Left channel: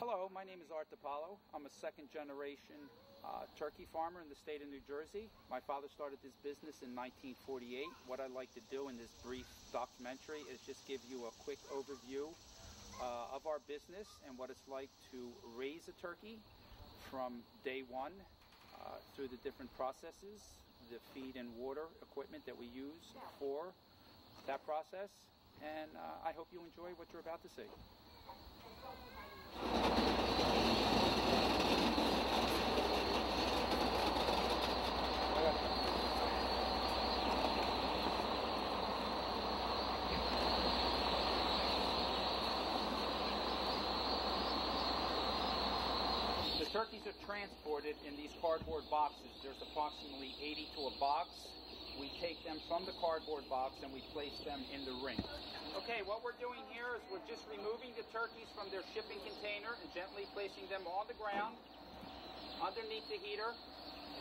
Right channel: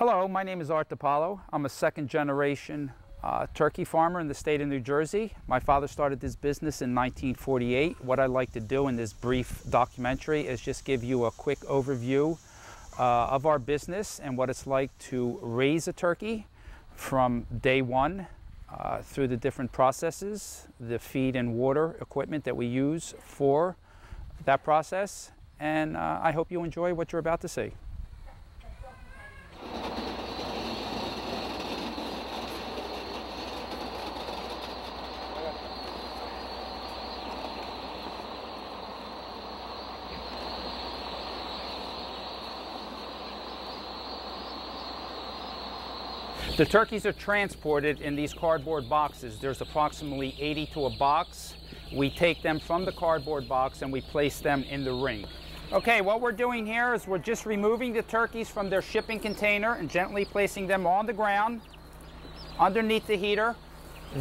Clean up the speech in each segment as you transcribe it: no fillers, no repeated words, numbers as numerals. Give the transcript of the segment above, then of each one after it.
Hello, my name is Art DiPaolo. I'm a second generation turkey farmer in the state of New Jersey. My father started this business in 1948. What I'd like to do in this brief documentary is just give you a quick overview of our business and what it's like to raise a turkey from day one through the different processes, the feed and water equipment that we use for that process. And I hope you enjoy what you're about to see. The turkeys are transported in these cardboard boxes. There's approximately 80 to a box. We take them from the cardboard box and we place them in the ring. Okay, what we're doing here is we're just removing the turkeys from their shipping container and gently placing them on the ground underneath the heater.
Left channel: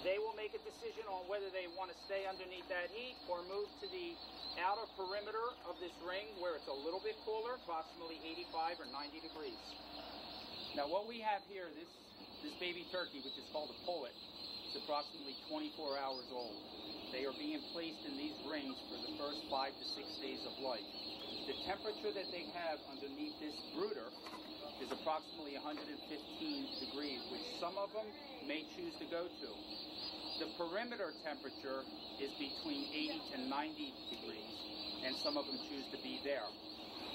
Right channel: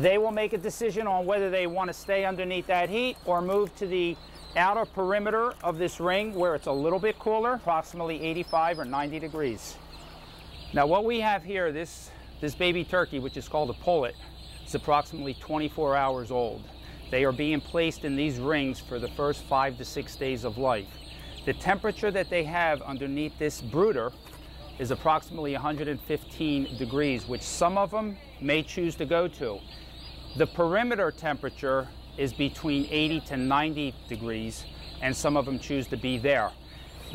They will make a decision on whether they want to stay underneath that heat or move to the outer perimeter of this ring where it's a little bit cooler, approximately 85 or 90 degrees. Now what we have here, this baby turkey, which is called a pullet, is approximately 24 hours old. They are being placed in these rings for the first 5 to 6 days of life. The temperature that they have underneath this brooder is approximately 115 degrees, which some of them may choose to go to. The perimeter temperature is between 80 to 90 degrees, and some of them choose to be there.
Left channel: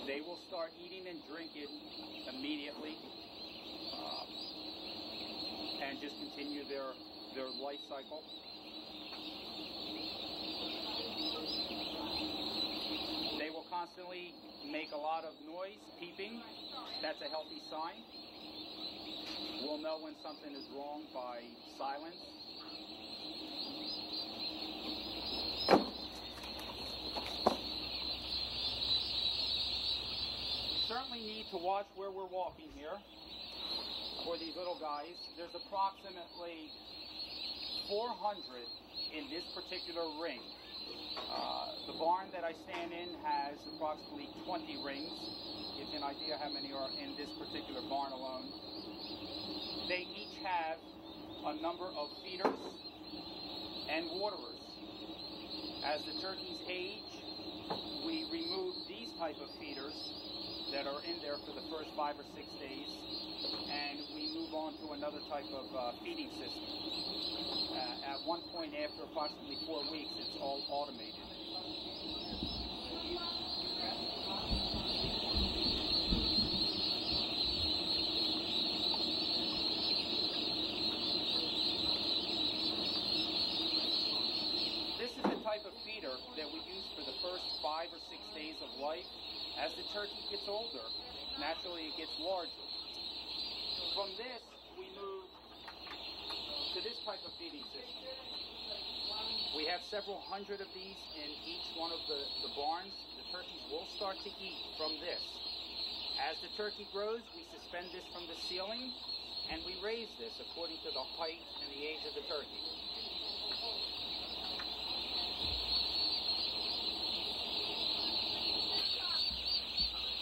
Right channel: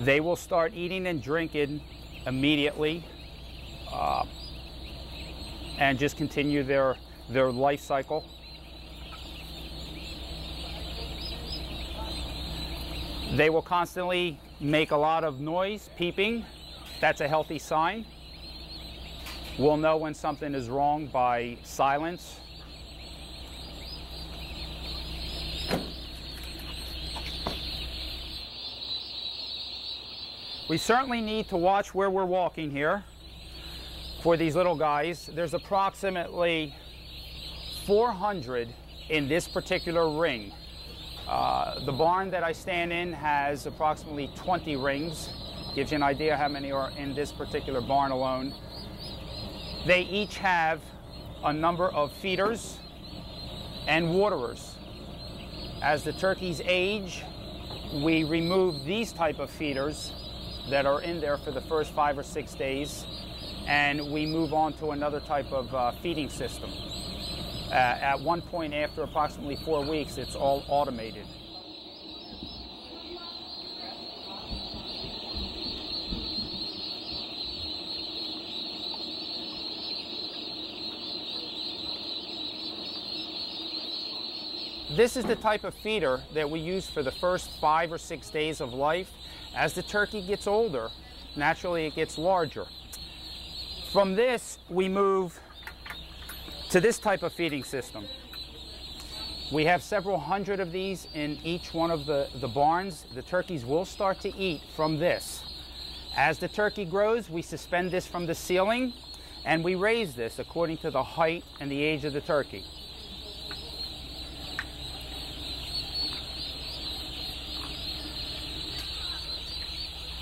They will start eating and drinking immediately, and just continue their life cycle. They will constantly make a lot of noise, peeping. That's a healthy sign. We'll know when something is wrong by silence. We certainly need to watch where we're walking here. For these little guys, there's approximately 400 in this particular ring. The barn that I stand in has approximately 20 rings. Gives you an idea how many are in this particular barn alone. They each have a number of feeders and waterers. As the turkeys age, we remove these type of feeders that are in there for the first 5 or 6 days, and we move on to another type of feeding system. At one point, after approximately 4 weeks, it's all automated. This is the type of feeder that we use for the first 5 or 6 days of life. As the turkey gets older, naturally it gets larger. From this, we move to this type of feeding system. We have several hundred of these in each one of the barns. The turkeys will start to eat from this. As the turkey grows, we suspend this from the ceiling and we raise this according to the height and the age of the turkey.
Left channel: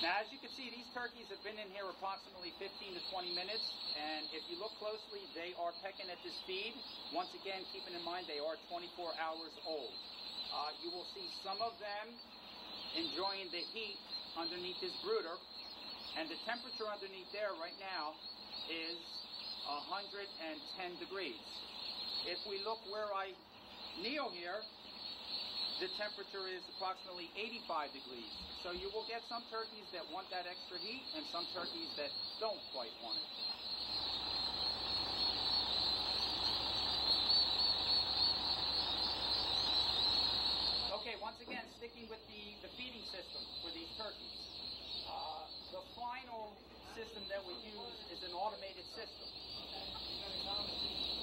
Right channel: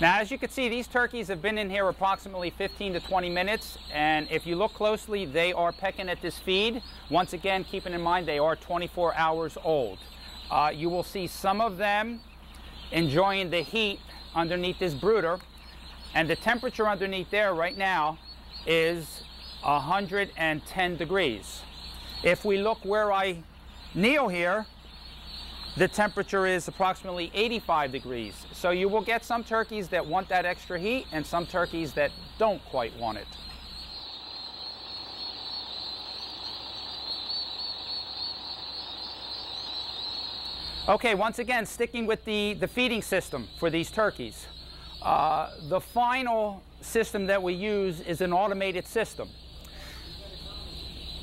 Now, as you can see, these turkeys have been in here approximately 15 to 20 minutes, and if you look closely, they are pecking at this feed. Once again, keeping in mind they are 24 hours old. You will see some of them enjoying the heat underneath this brooder, and the temperature underneath there right now is 110 degrees. If we look where I kneel here, the temperature is approximately 85 degrees. So you will get some turkeys that want that extra heat and some turkeys that don't quite want it. Okay, once again, sticking with the feeding system for these turkeys. The final system that we use is an automated system.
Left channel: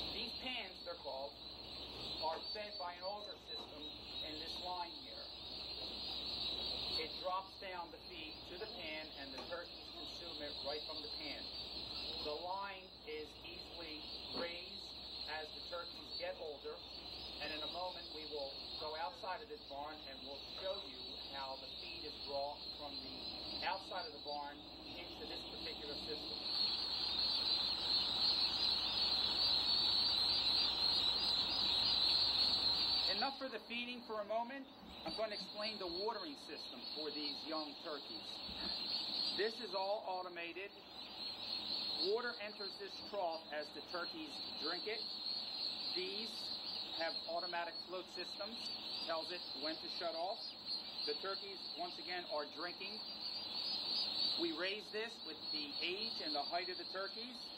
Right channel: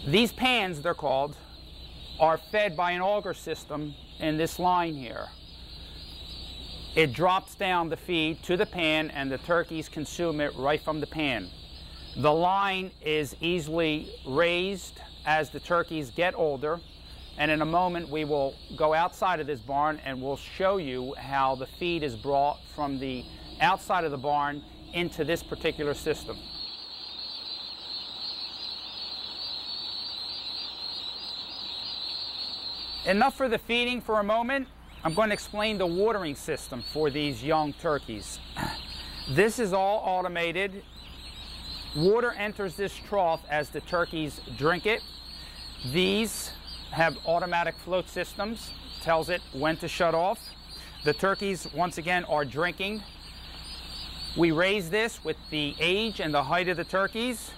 These pans, they're called, are fed by an auger system in this line here. It drops down the feed to the pan and the turkeys consume it right from the pan. The line is easily raised as the turkeys get older, and in a moment we will go outside of this barn and we'll show you how the feed is brought from the outside of the barn into this particular system. Enough for the feeding for a moment. I'm going to explain the watering system for these young turkeys. This is all automated. Water enters this trough as the turkeys drink it. These have automatic float systems, tells it when to shut off. The turkeys, once again, are drinking. We raise this with the age and the height of the turkeys.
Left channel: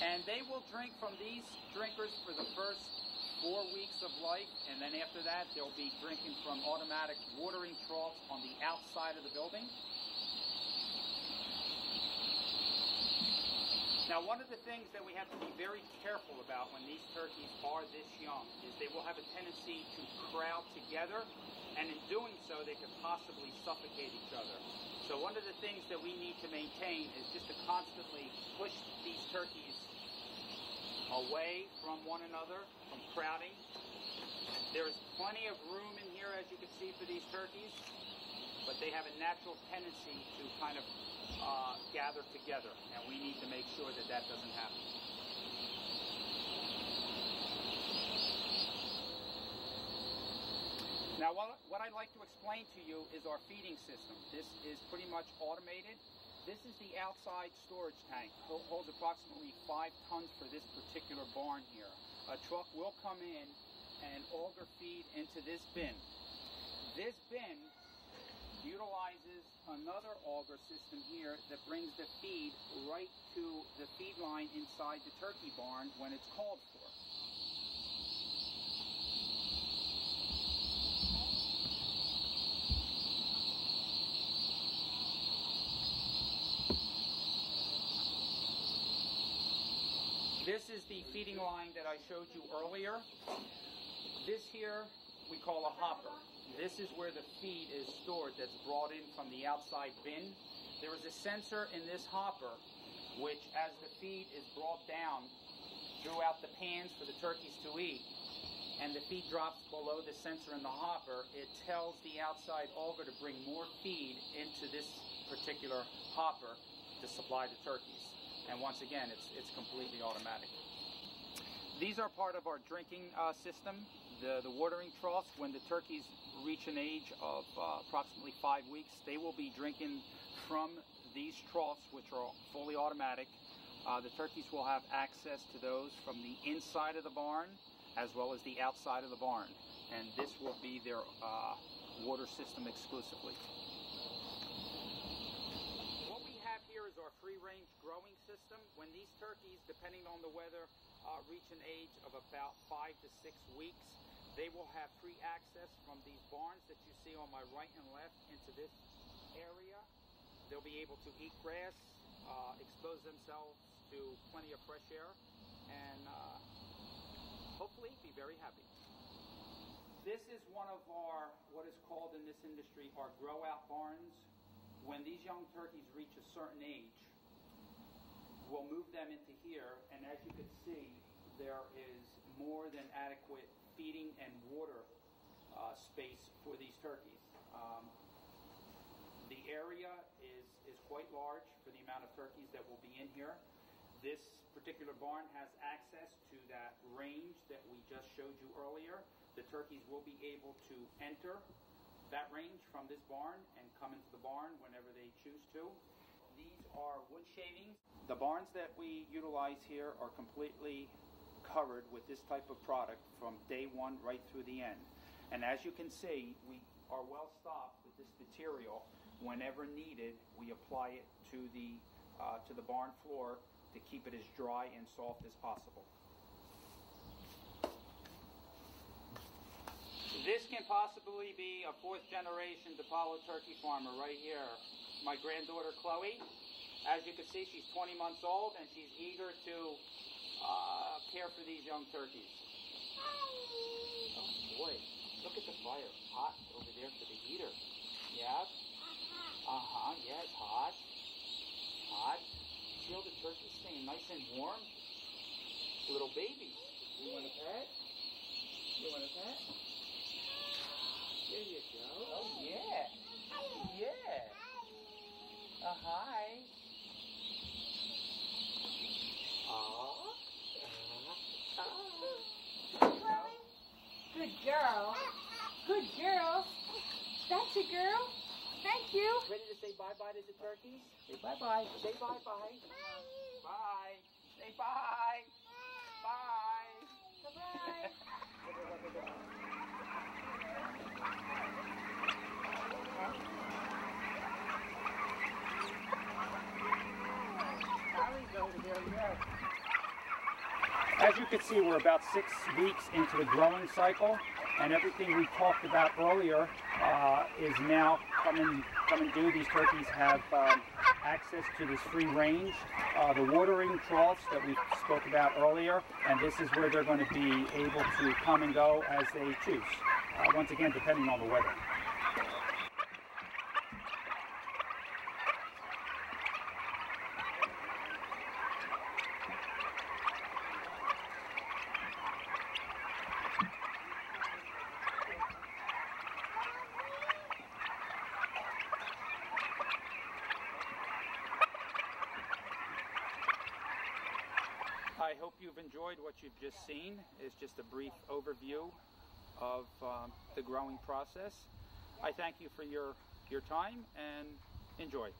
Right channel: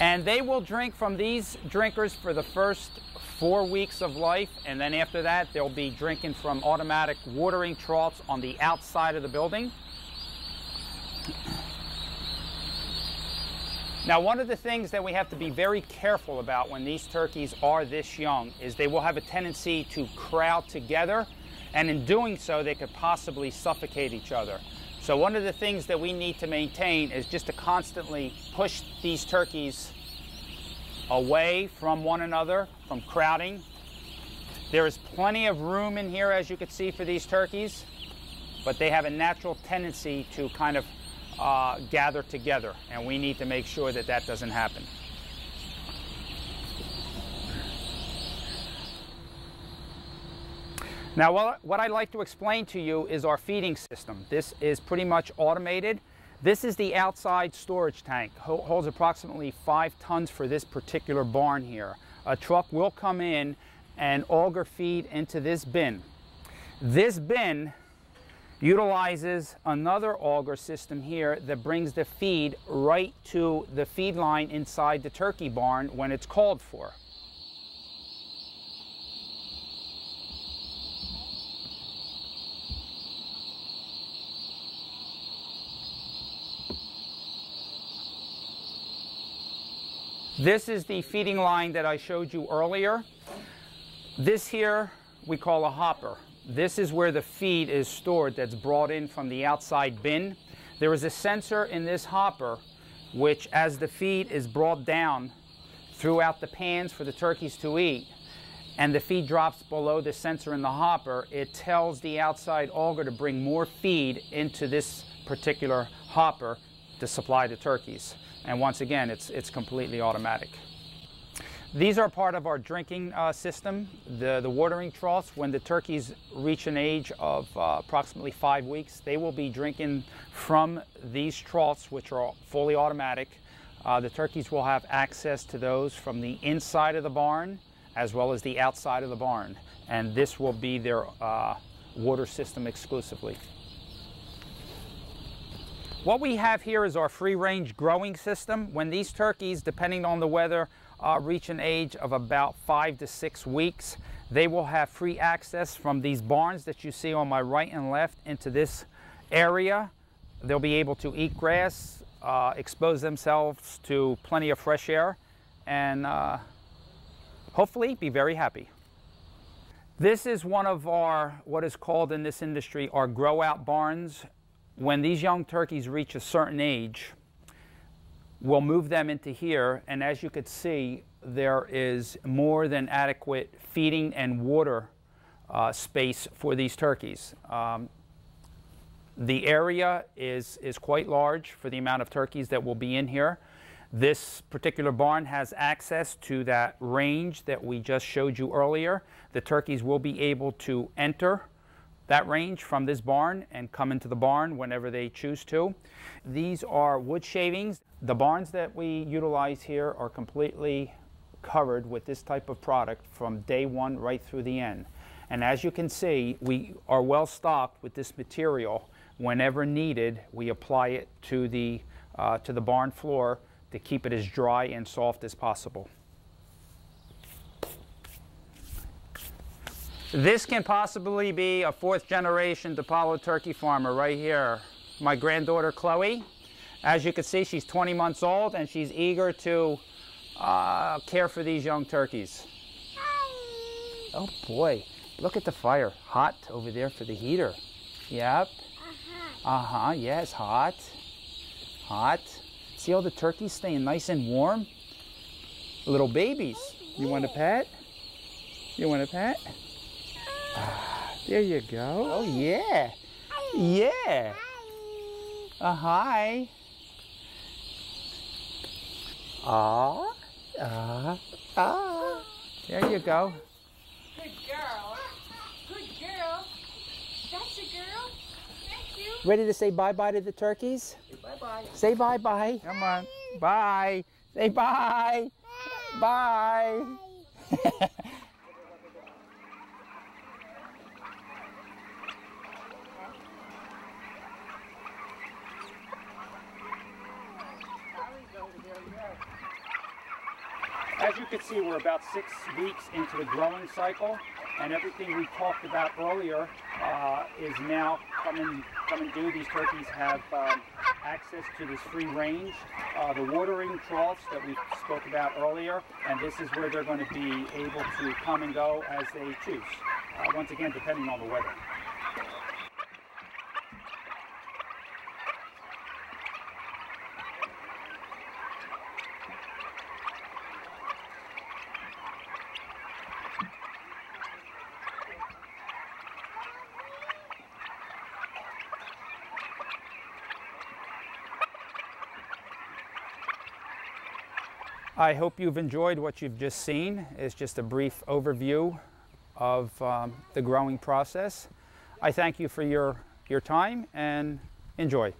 And they will drink from these drinkers for the first 4 weeks of life, and then after that they'll be drinking from automatic watering troughs on the outside of the building. Now, one of the things that we have to be very careful about when these turkeys are this young is they will have a tendency to crowd together, and in doing so they could possibly suffocate each other. So one of the things that we need to maintain is just to constantly push these turkeys away from one another, from crowding. There is plenty of room in here, as you can see, for these turkeys, but they have a natural tendency to kind of gather together, and we need to make sure that that doesn't happen. Now, what I'd like to explain to you is our feeding system. This is pretty much automated. This is the outside storage tank. Holds approximately 5 tons for this particular barn here. A truck will come in and auger feed into this bin. This bin utilizes another auger system here that brings the feed right to the feed line inside the turkey barn when it's called for. This is the feeding line that I showed you earlier. This here we call a hopper. This is where the feed is stored that's brought in from the outside bin. There is a sensor in this hopper which, as the feed is brought down throughout the pans for the turkeys to eat, and the feed drops below the sensor in the hopper, it tells the outside auger to bring more feed into this particular hopper to supply the turkeys. And once again, it's completely automatic. These are part of our drinking system, the watering troughs. When the turkeys reach an age of approximately 5 weeks, they will be drinking from these troughs, which are fully automatic. The turkeys will have access to those from the inside of the barn as well as the outside of the barn. And this will be their water system exclusively. What we have here is our free-range growing system. When these turkeys, depending on the weather, reach an age of about 5 to 6 weeks, they will have free access from these barns that you see on my right and left into this area. They'll be able to eat grass, expose themselves to plenty of fresh air, and hopefully be very happy. This is one of our, what is called in this industry, our grow-out barns. When these young turkeys reach a certain age, we'll move them into here, and as you could see, there is more than adequate feeding and water space for these turkeys. The area is quite large for the amount of turkeys that will be in here. This particular barn has access to that range that we just showed you earlier. The turkeys will be able to enter that range from this barn and come into the barn whenever they choose to. These are wood shavings. The barns that we utilize here are completely covered with this type of product from day one right through the end. And as you can see, we are well stocked with this material. Whenever needed, we apply it to the barn floor to keep it as dry and soft as possible. This can possibly be a 4th generation DePaulo turkey farmer right here. My granddaughter Chloe. As you can see, she's 20 months old and she's eager to care for these young turkeys. Oh boy, look at the fire. Hot over there for the heater. Yep. Yes, hot. Hot. See all the turkeys staying nice and warm? Little babies. You want a pet? You want a pet? There you go. Oh yeah. Yeah. Hi. There you go. Good girl. Good girl. That's a girl. Thank you. Ready to say bye-bye to the turkeys? Bye-bye. Say bye-bye. Come on. Bye. Say bye. Bye. As you can see, we're about 6 weeks into the growing cycle, and everything we talked about earlier is now coming due. These turkeys have access to this free range, the watering troughs that we spoke about earlier, and this is where they're going to be able to come and go as they choose, once again depending on the weather. I hope you've enjoyed what you've just seen. It's just a brief overview of the growing process. I thank you for your time and enjoy.